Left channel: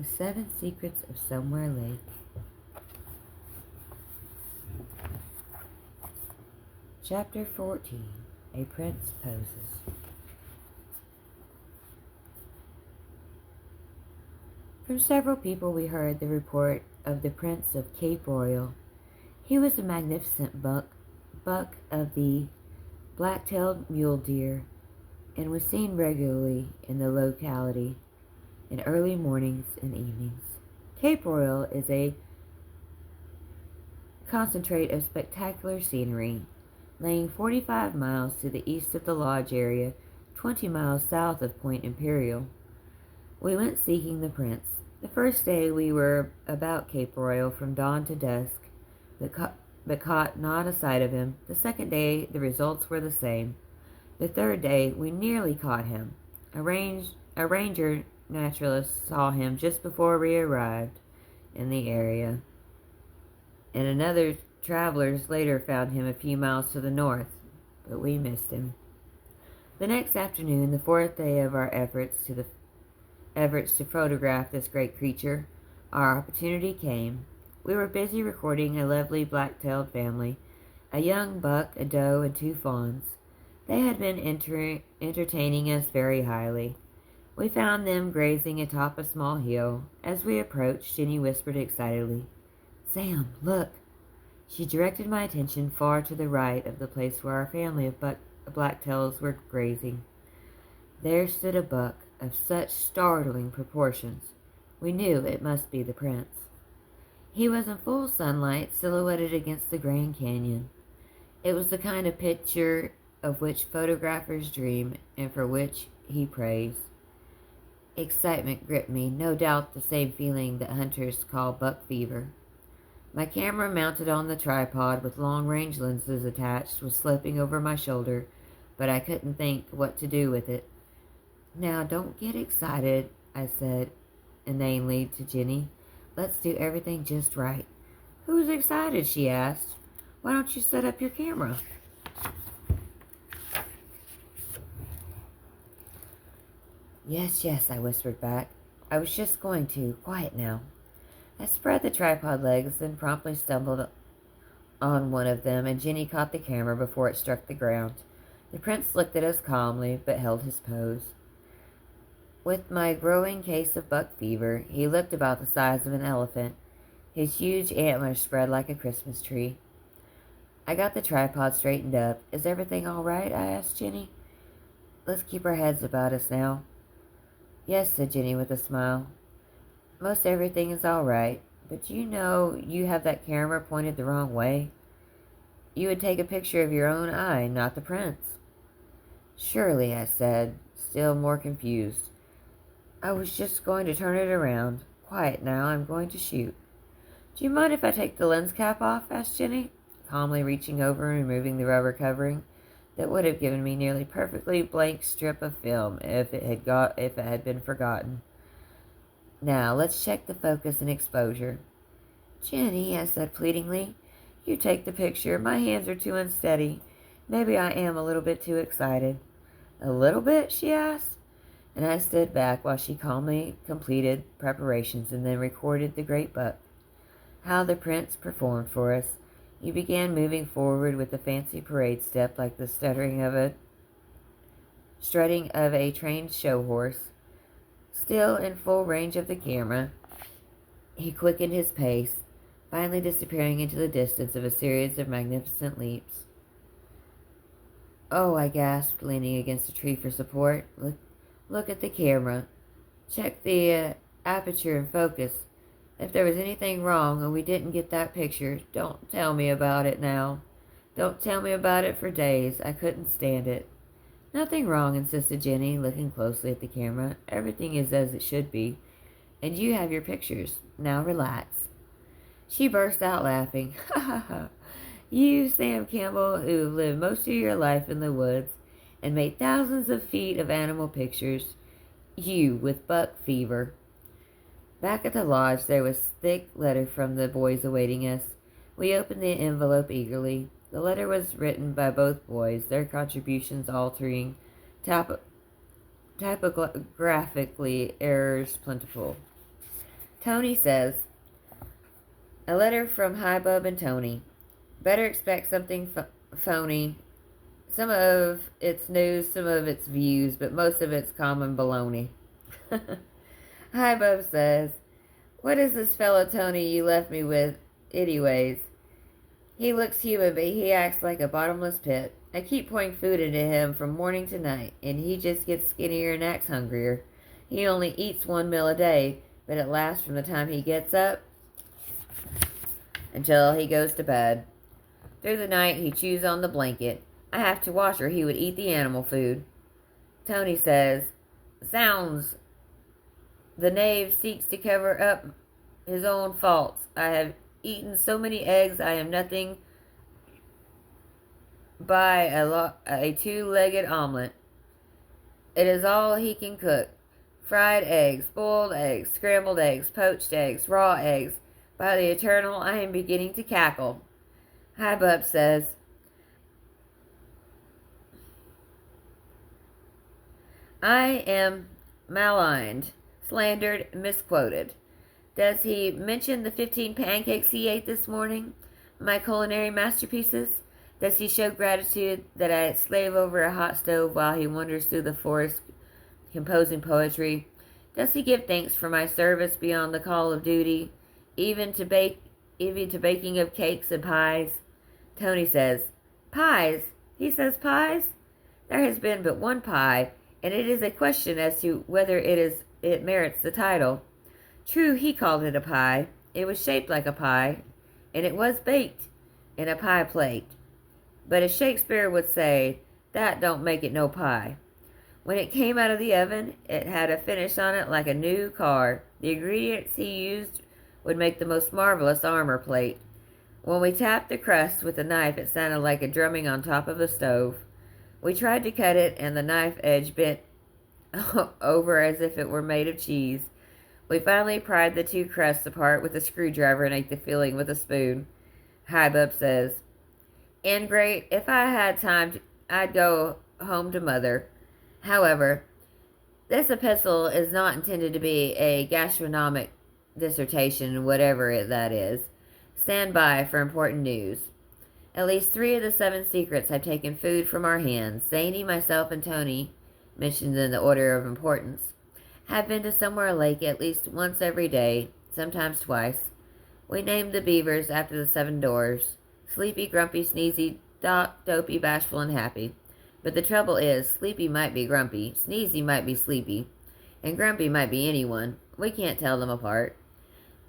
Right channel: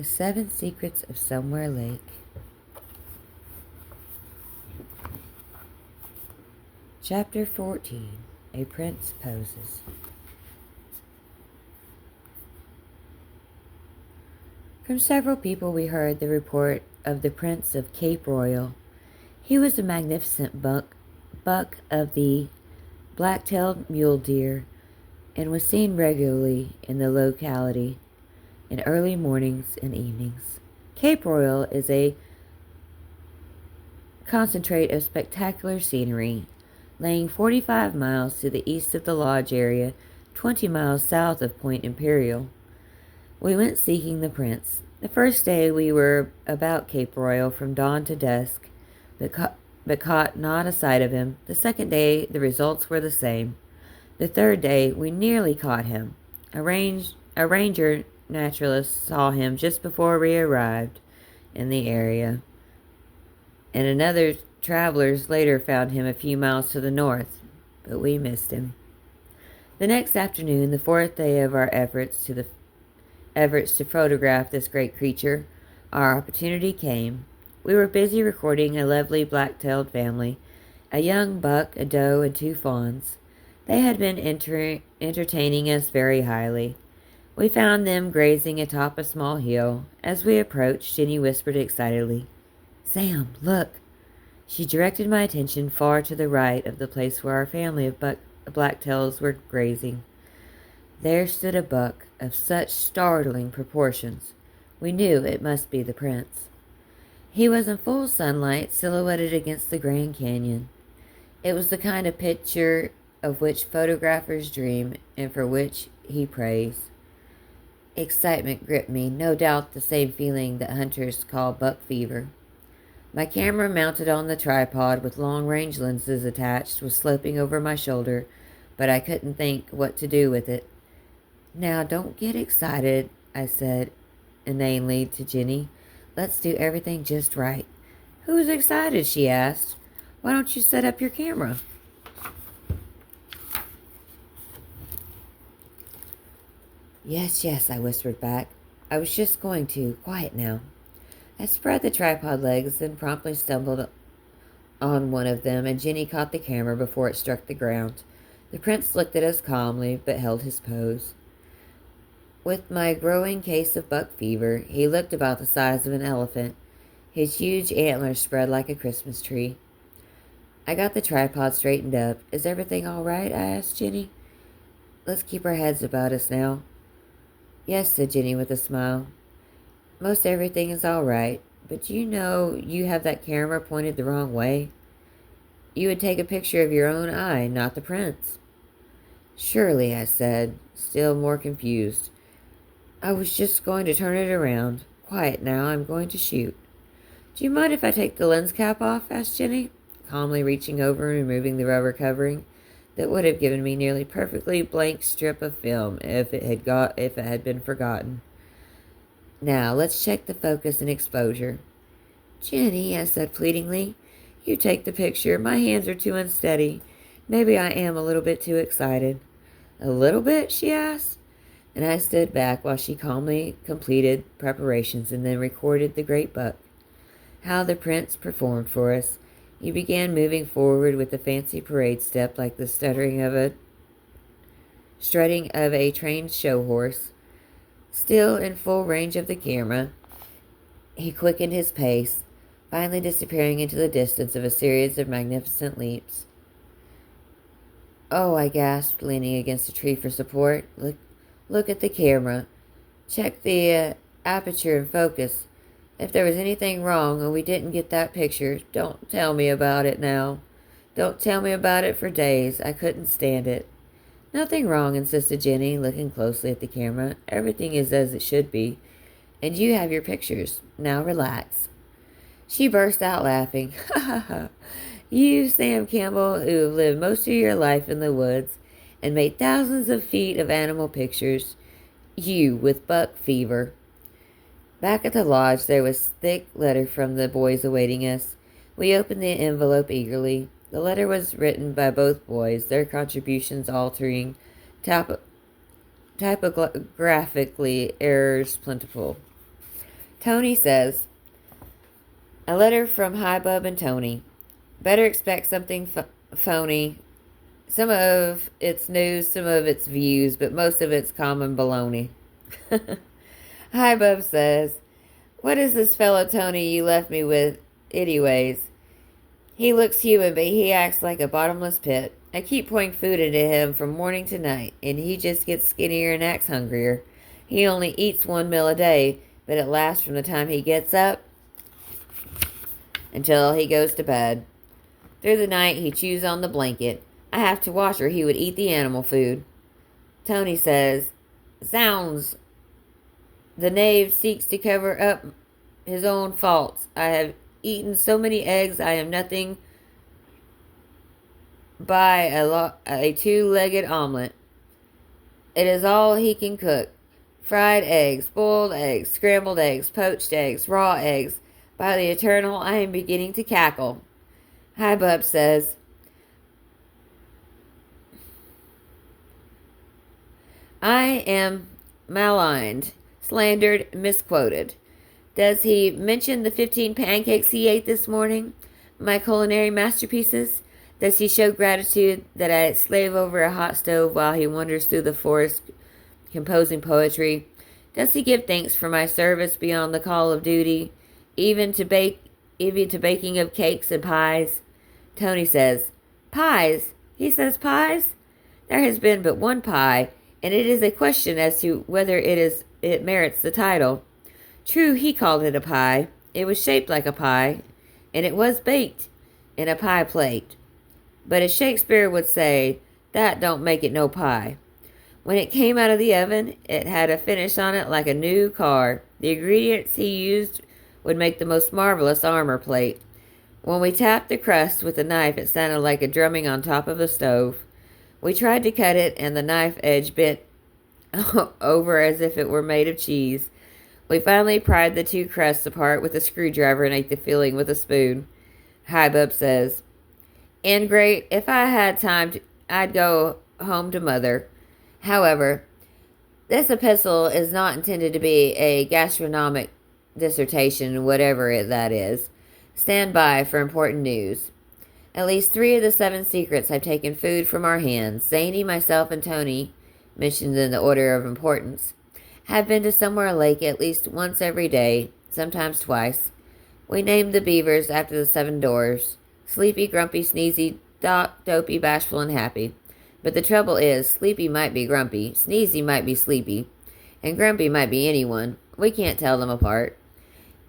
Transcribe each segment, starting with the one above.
The Seven Secrets of Somewhere Lake. Chapter 14. A Prince Poses. From several people we heard the report of the Prince of Cape Royal. He was a magnificent buck of the black-tailed mule deer and was seen regularly in the locality in early mornings and evenings. Cape Royal is a concentrate of spectacular scenery, laying 45 miles to the east of the lodge area, 20 miles south of Point Imperial. We went seeking the prince. The first day we were about Cape Royal from dawn to dusk, but caught not a sight of him. The second day the results were the same. The third day we nearly caught him. A ranger naturalist saw him just before we arrived in the area, and another travelers later found him a few miles to the north, but we missed him. The next afternoon, the fourth day of our efforts to photograph this great creature, our opportunity came. We were busy recording a lovely black-tailed family, a young buck, a doe, and 2 fawns. They had been entertaining us very highly. We found them grazing atop a small hill. As we approached, Jenny whispered excitedly, "Sam, look!" She directed my attention far to the right of the place where our family of blacktails were grazing. There stood a buck of such startling proportions. We knew it must be the prince. He was in full sunlight, silhouetted against the Grand Canyon. It was the kind of picture of which photographers dream and for which he prays. Excitement gripped me, no doubt the same feeling that hunters call buck fever. My camera, mounted on the tripod with long-range lenses attached, was sloping over my shoulder, but I couldn't think what to do with it. "Now, don't get excited," I said inanely to Jenny. "Let's do everything just right." "Who's excited?" she asked. "Why don't you set up your camera?" Yes, I whispered back. "I was just going to. Quiet now." I spread the tripod legs, then promptly stumbled on one of them, and Jenny caught the camera before it struck the ground. The prince looked at us calmly, but held his pose. With my growing case of buck fever, he looked about the size of an elephant, his huge antlers spread like a Christmas tree. I got the tripod straightened up. "Is everything all right?" I asked Jenny. "Let's keep our heads about us now." "Yes," said Jenny with a smile. "Most everything is all right, but you have that camera pointed the wrong way. You would take a picture of your own eye, not the prince." "Surely," I said, still more confused. "I was just going to turn it around. Quiet now, I'm going to shoot." "Do you mind if I take the lens cap off?" asked Jenny, calmly reaching over and removing the rubber covering that would have given me nearly perfectly blank strip of film if it had been forgotten. "Now, let's check the focus and exposure." "Jenny," I said pleadingly, "you take the picture. My hands are too unsteady. Maybe I am a little bit too excited." "A little bit?" she asked, and I stood back while she calmly completed preparations and then recorded the great buck. How the prince performed for us. He began moving forward with a fancy parade step like the strutting of a trained show horse. Still in full range of the camera, he quickened his pace, finally disappearing into the distance of a series of magnificent leaps. "Oh," I gasped, leaning against a tree for support. Look at the camera. Check the aperture and focus. If there was anything wrong and we didn't get that picture, don't tell me about it now. Don't tell me about it for days. I couldn't stand it." "Nothing wrong," insisted Jenny, looking closely at the camera. "Everything is as it should be, and you have your pictures. Now relax." She burst out laughing. "Ha ha ha. You, Sam Campbell, who have lived most of your life in the woods and made thousands of feet of animal pictures. You with buck fever." Back at the lodge, there was thick letter from the boys awaiting us. We opened the envelope eagerly. The letter was written by both boys, their contributions altering typographically errors plentiful. Tony says, a letter from Hi Bub and Tony. Better expect something phony. Some of it's news, some of it's views, but most of it's common baloney. Hi Bub says, what is this fellow Tony you left me with, anyways? He looks human, but he acts like a bottomless pit. I keep pouring food into him from morning to night, and he just gets skinnier and acts hungrier. He only eats one meal a day, but it lasts from the time he gets up until he goes to bed. Through the night, he chews on the blanket. I have to watch or he would eat the animal food. Tony says, zounds, the knave seeks to cover up his own faults. I have eaten so many eggs, I am nothing by a two-legged omelet. It is all he can cook. Fried eggs, boiled eggs, scrambled eggs, poached eggs, raw eggs. By the eternal, I am beginning to cackle. Hi Bub says, I am maligned, slandered, misquoted. Does he mention the 15 pancakes he ate this morning? My culinary masterpieces? Does he show gratitude that I slave over a hot stove while he wanders through the forest composing poetry? Does he give thanks for my service beyond the call of duty, even to baking of cakes and pies? Tony says, pies? He says pies? There has been but one pie, and it is a question as to whether it merits the title. True, he called it a pie. It was shaped like a pie, and it was baked in a pie plate. But as Shakespeare would say, that don't make it no pie. When it came out of the oven, it had a finish on it like a new car. The ingredients he used would make the most marvelous armor plate. When we tapped the crust with a knife, it sounded like a drumming on top of a stove. We tried to cut it, and the knife edge bent over as if it were made of cheese. We finally pried the two crusts apart with a screwdriver and ate the filling with a spoon. Hi Bub says, and great, if I had time, I'd go home to Mother. However, this epistle is not intended to be a gastronomic dissertation, whatever that is. Stand by for important news. At least 3 of the 7 secrets have taken food from our hands. Zany, myself, and Tony, mentioned in the order of importance, have been to Somewhere Lake at least once every day, sometimes twice. We named the beavers after the 7 doors: Sleepy, Grumpy, Sneezy, Doc, Dopey, Bashful, and Happy. But the trouble is, Sleepy might be Grumpy, Sneezy might be Sleepy, and Grumpy might be anyone. We can't tell them apart.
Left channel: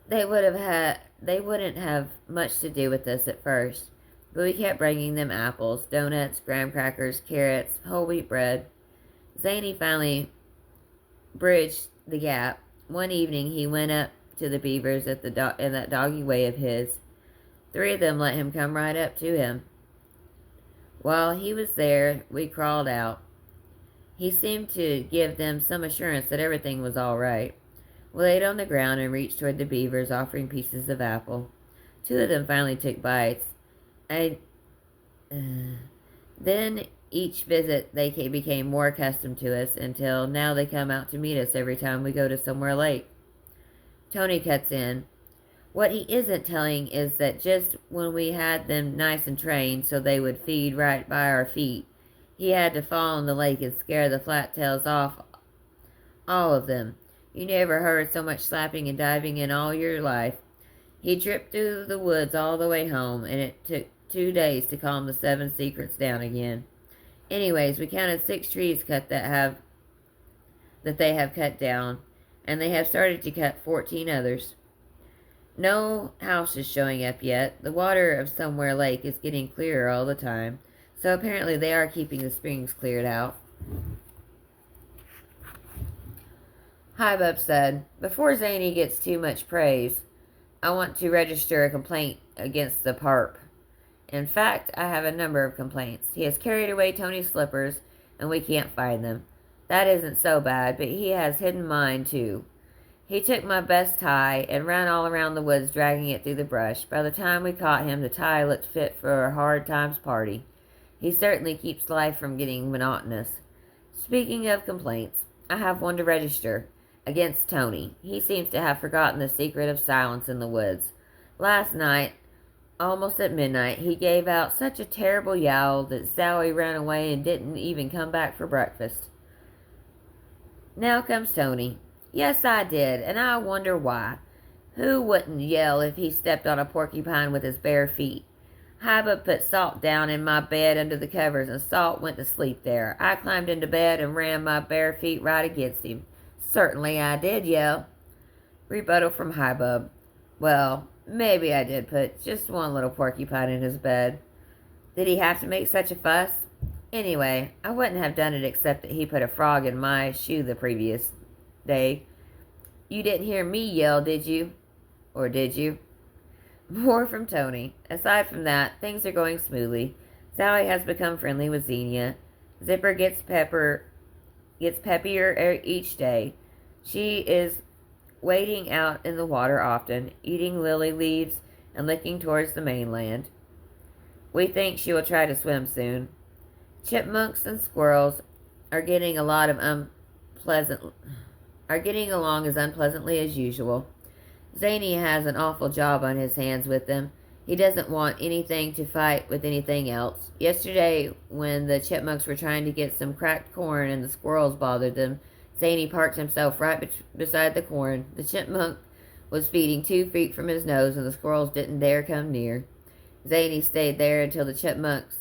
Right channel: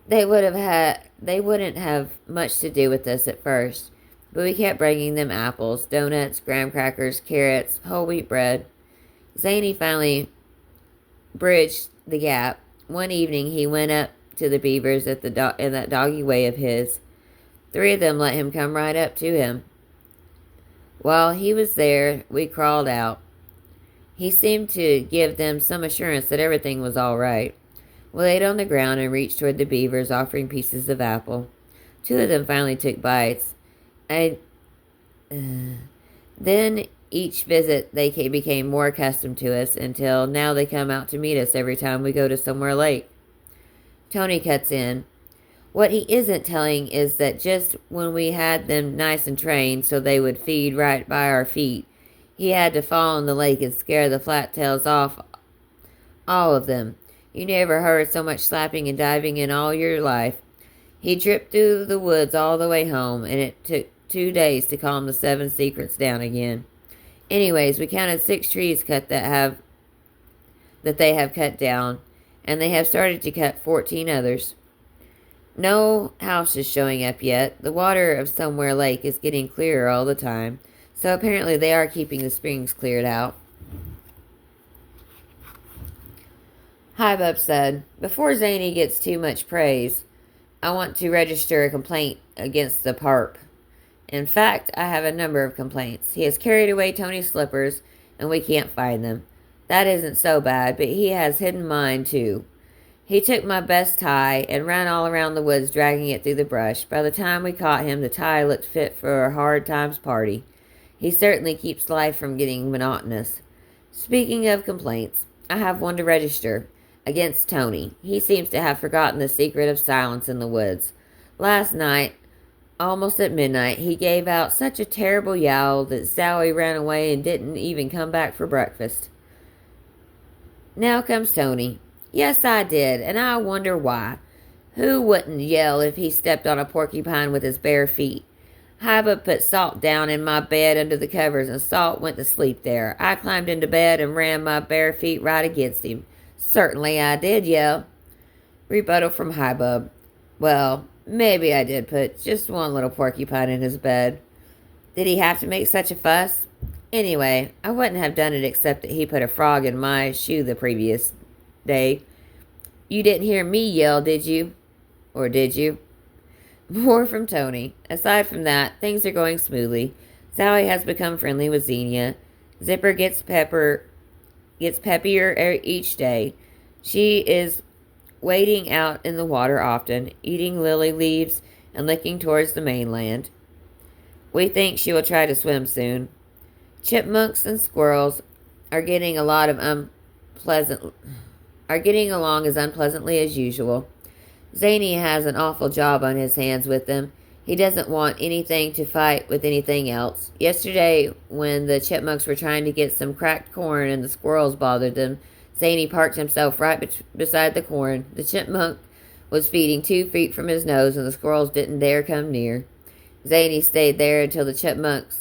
They wouldn't have much to do with us at first, but we kept bringing them apples, donuts, graham crackers, carrots, whole wheat bread. Zany finally bridged the gap. One evening he went up to the beavers in that doggy way of his. 3 of them let him come right up to him. While he was there, we crawled out. He seemed to give them some assurance that everything was all right. We laid on the ground and reached toward the beavers, offering pieces of apple. 2 of them finally took bites. Then each visit they became more accustomed to us, until now they come out to meet us every time we go to Somewhere Lake. Tony cuts in. What he isn't telling is that just when we had them nice and trained so they would feed right by our feet, he had to fall in the lake and scare the flat-tails off, all of them. You never heard so much slapping and diving in all your life. He tripped through the woods all the way home, and it took 2 days to calm the 7 secrets down again. Anyways, we counted 6 trees that they have cut down, and they have started to cut 14 others. No houses showing up yet. The water of Somewhere Lake is getting clearer all the time, so apparently they are keeping the springs cleared out. Hi Bub said, before Zany gets too much praise, I want to register a complaint against the Parp. In fact, I have a number of complaints. He has carried away Tony's slippers, and we can't find them. That isn't so bad, but he has hidden mine, too. He took my best tie and ran all around the woods, dragging it through the brush. By the time we caught him, the tie looked fit for a hard times party. He certainly keeps life from getting monotonous. Speaking of complaints, I have one to register. against Tony. He seems to have forgotten the secret of silence in the woods. Last night, almost at midnight, he gave out such a terrible yowl that Zowie ran away and didn't even come back for breakfast. Now comes Tony. Yes, I did, and I wonder why. Who wouldn't yell if he stepped on a porcupine with his bare feet? Hiba put Salt down in my bed under the covers, and Salt went to sleep there. I climbed into bed and ran my bare feet right against him. Certainly I did yell. Rebuttal from Hiba. Well, maybe I did put just one little porcupine in his bed. Did he have to make such a fuss? Anyway, I wouldn't have done it except that he put a frog in my shoe the previous day. You didn't hear me yell, did you? Or did you? More from Tony. Aside from that, things are going smoothly. Sally has become friendly with Xenia. Zipper gets peppier each day. She is wading out in the water often, eating lily leaves and looking towards the mainland. We think she will try to swim soon. Chipmunks and squirrels are getting along as unpleasantly as usual. Zany has an awful job on his hands with them. He doesn't want anything to fight with anything else. Yesterday, when the chipmunks were trying to get some cracked corn and the squirrels bothered them, Zany parked himself right beside the corn. The chipmunk was feeding 2 feet from his nose, and the squirrels didn't dare come near. Zany stayed there until the chipmunks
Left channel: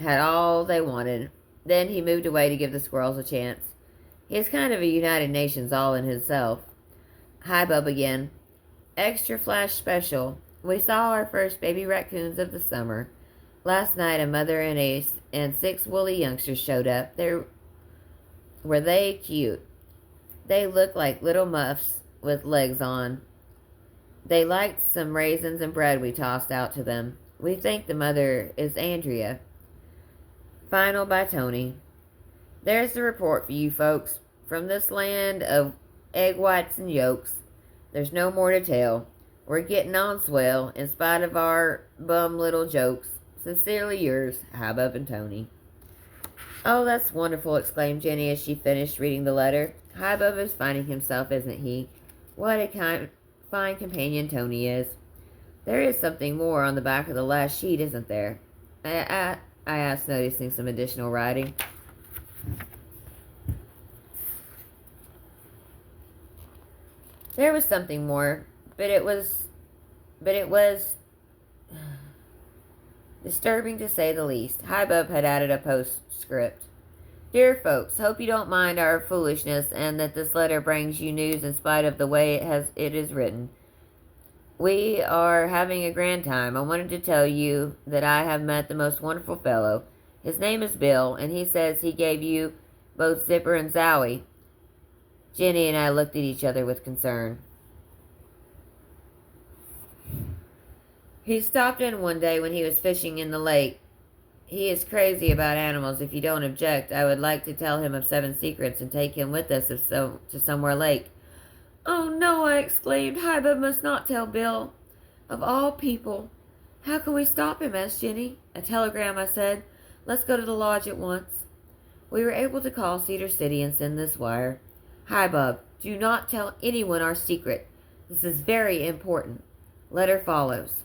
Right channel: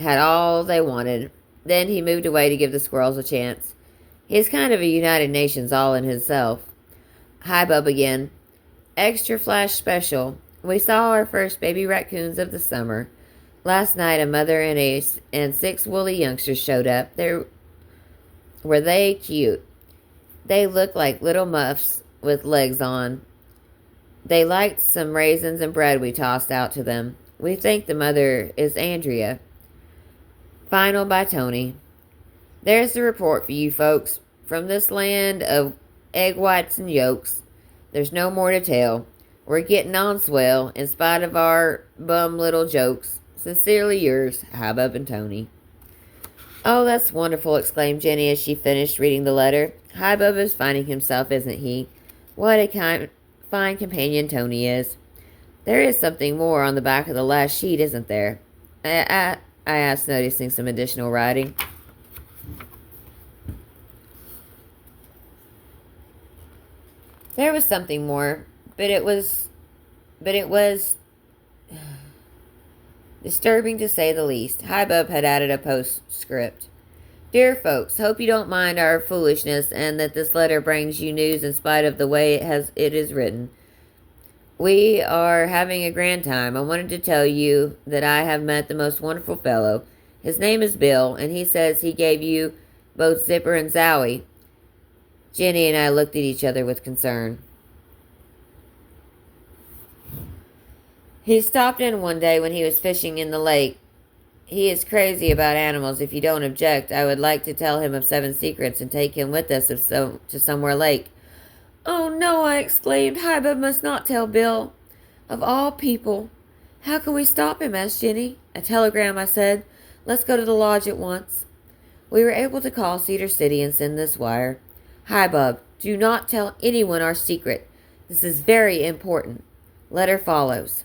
had all they wanted. Then he moved away to give the squirrels a chance. He's kind of a United Nations all in himself. Hi, Bub again. Extra flash special. We saw our first baby raccoons of the summer. Last night, a mother and 6 woolly youngsters showed up. Were they cute? They looked like little muffs with legs on. They liked some raisins and bread we tossed out to them. We think the mother is Andrea. Final by Tony. There's the report for you folks. From this land of egg whites and yolks, there's no more to tell. We're getting on swell, in spite of our bum little jokes. Sincerely yours, Hubbub and Tony. Oh, that's wonderful, exclaimed Jenny as she finished reading the letter. Hubbub is finding himself, isn't he? What a fine companion Tony is. There is something more on the back of the last sheet, isn't there? I asked, noticing some additional writing. There was something more, but it was disturbing to say the least. Hubbub had added a postscript. Dear folks, hope you don't mind our foolishness and that this letter brings you news in spite of the way it is written. We are having a grand time. I wanted to tell you that I have met the most wonderful fellow. His name is Bill, and he says he gave you both Zipper and Zowie. Jenny and I looked at each other with concern. He stopped in one day when he was fishing in the lake. He is crazy about animals. If you don't object, I would like to tell him of 7 secrets and take him with us to somewhere lake. Oh, no, I exclaimed. Hubbub must not tell Bill. Of all people. How can we stop him? Asked Jenny. A telegram, I said. Let's go to the lodge at once. We were able to call Cedar City and send this wire. Hubbub, do not tell anyone our secret. This is very important. Letter follows.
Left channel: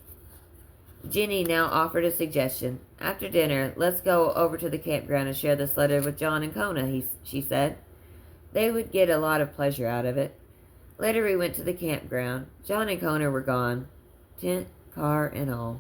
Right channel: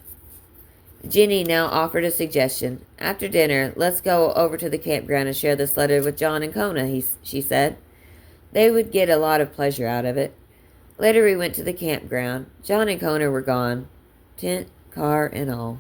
Jenny now offered a suggestion. After dinner, let's go over to the campground and share this letter with John and Kona, she said. They would get a lot of pleasure out of it. Later we went to the campground. John and Kona were gone. Tent, car, and all.